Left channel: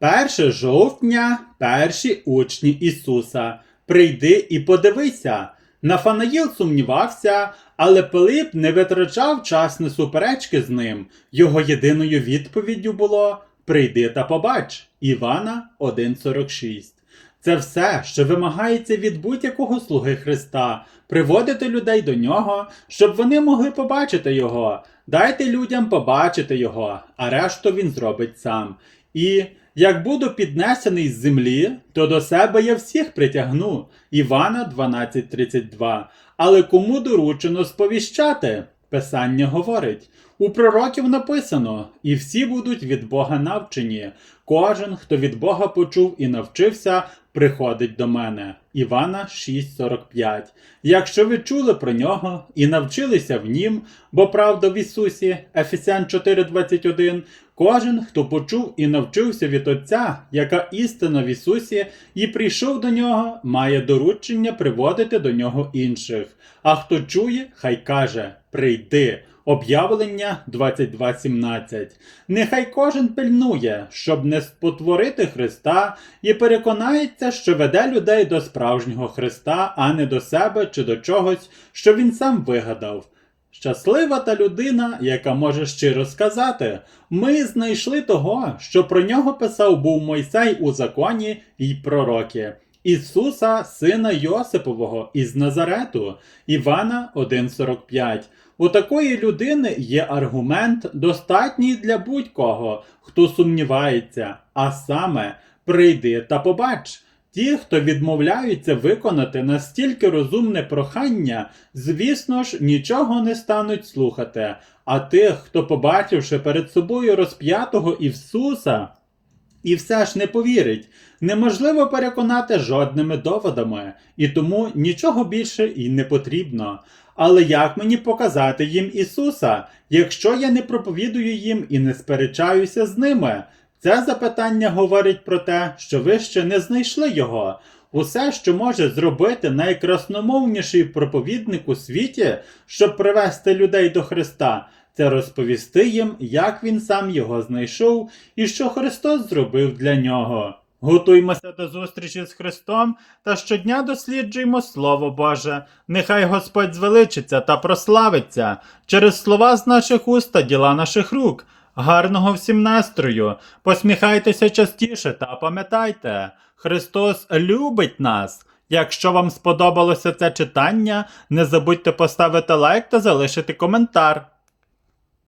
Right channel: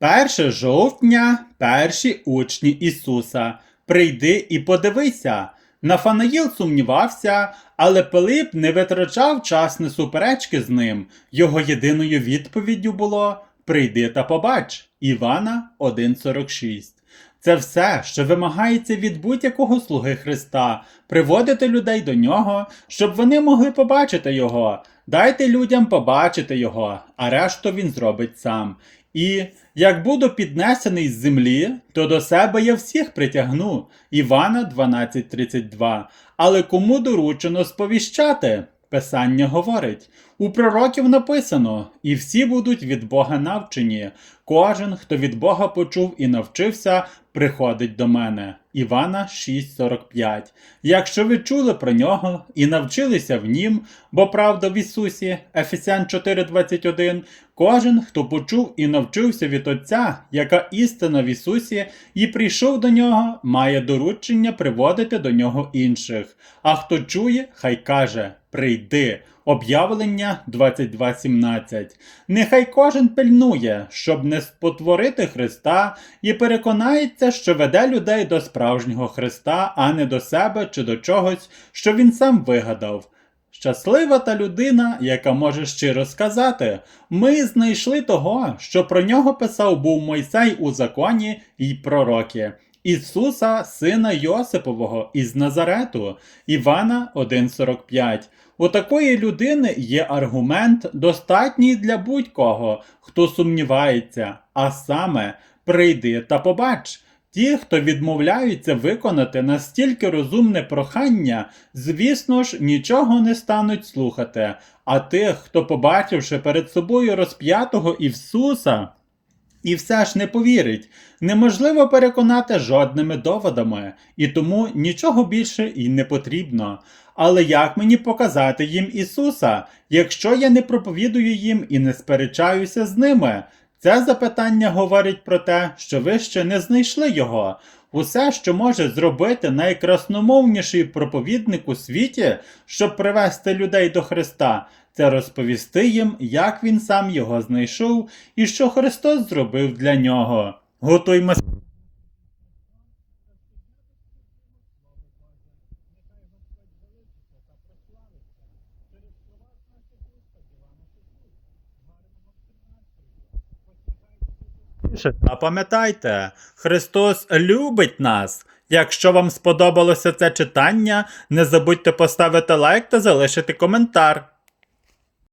1 жовтня перші учні Ісуса. Прийди і подивися. Нафанаїл сумнівався, але Пилип не витрачав час на суперечки з ним. Його єдиною відповіддю було Прийди та побач. Івана 1.46. Це все, що вимагається від будь-якого слуги Христа, приводити людей до нього, щоб вони могли побачити його. Дайте людям побачити його, а решту він зробить сам. І як буду піднесений з землі, то до себе я всіх притягну. Івана 12.32. Але кому доручено сповіщати? Писання говорить. У пророків написано, і всі будуть від Бога навчені. Кожен, хто від Бога почув і навчився, приходить до мене. Івана 6:45. Якщо ви чули про нього і навчилися в нім, бо правда в Ісусі, Ефесян 4:21, кожен, хто почув і навчився від Отця, яка істина в Ісусі, і прийшов до нього, має доручення приводити до нього інших. А хто чує, хай каже: Прийди. Об'явлення 22.17. Нехай кожен пильнує, щоб не спотворити Христа, і переконається, що веде людей до справжнього Христа, а не до себе чи до чогось, що він сам вигадав. Щаслива та людина, яка може щиро сказати: ми знайшли того, що про нього писав був Мойсей у законі й пророки. Ісуса, сина Йосипового із Назарету, Івана 1.45. У такої людини є аргумент, достатній для будь-кого, хто сумнівається, а саме прийди та побач. Ті, хто відмовляються виконати настільки розумне прохання, звісно ж, нічого не стануть слухати. А тих, хто, побачивши перед собою розп'ятого Ісуса, і все ж не повірить, неможливо переконати жодними доводами, і тому нічого більше і не потрібно. Але як мені показати їм Ісуса, якщо я не проповідую їм і не сперечаюся з ними? Це запитання говорить про те, що ви ще не знайшли його. Усе, що може зробити найкрасномовніший проповідник у світі, щоб привести людей до Христа, це розповісти їм, як він сам його знайшов і що Христос зробив для нього. Готуймося до зустрічі з Христом та щодня досліджуємо Слово Боже. Нехай Господь звеличиться та прославиться через слова з наших уст та діла наших рук. Гарного всім настрою! Посміхайтеся частіше та пам'ятайте, Христос любить нас. Якщо вам сподобалося це читання, не забудьте поставити лайк та залишити коментар.